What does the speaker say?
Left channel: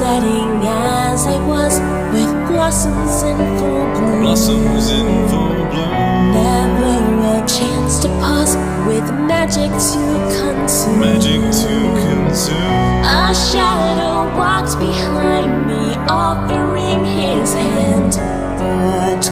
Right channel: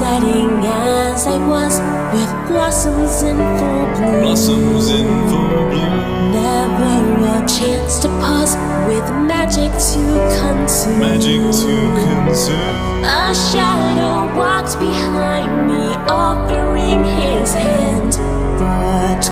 setting as I was, with blossoms in full bloom. Blossoms in full bloom. Never a chance to pause, with magic to consume. Magic to consume. A shadow walks behind me, offering his hand.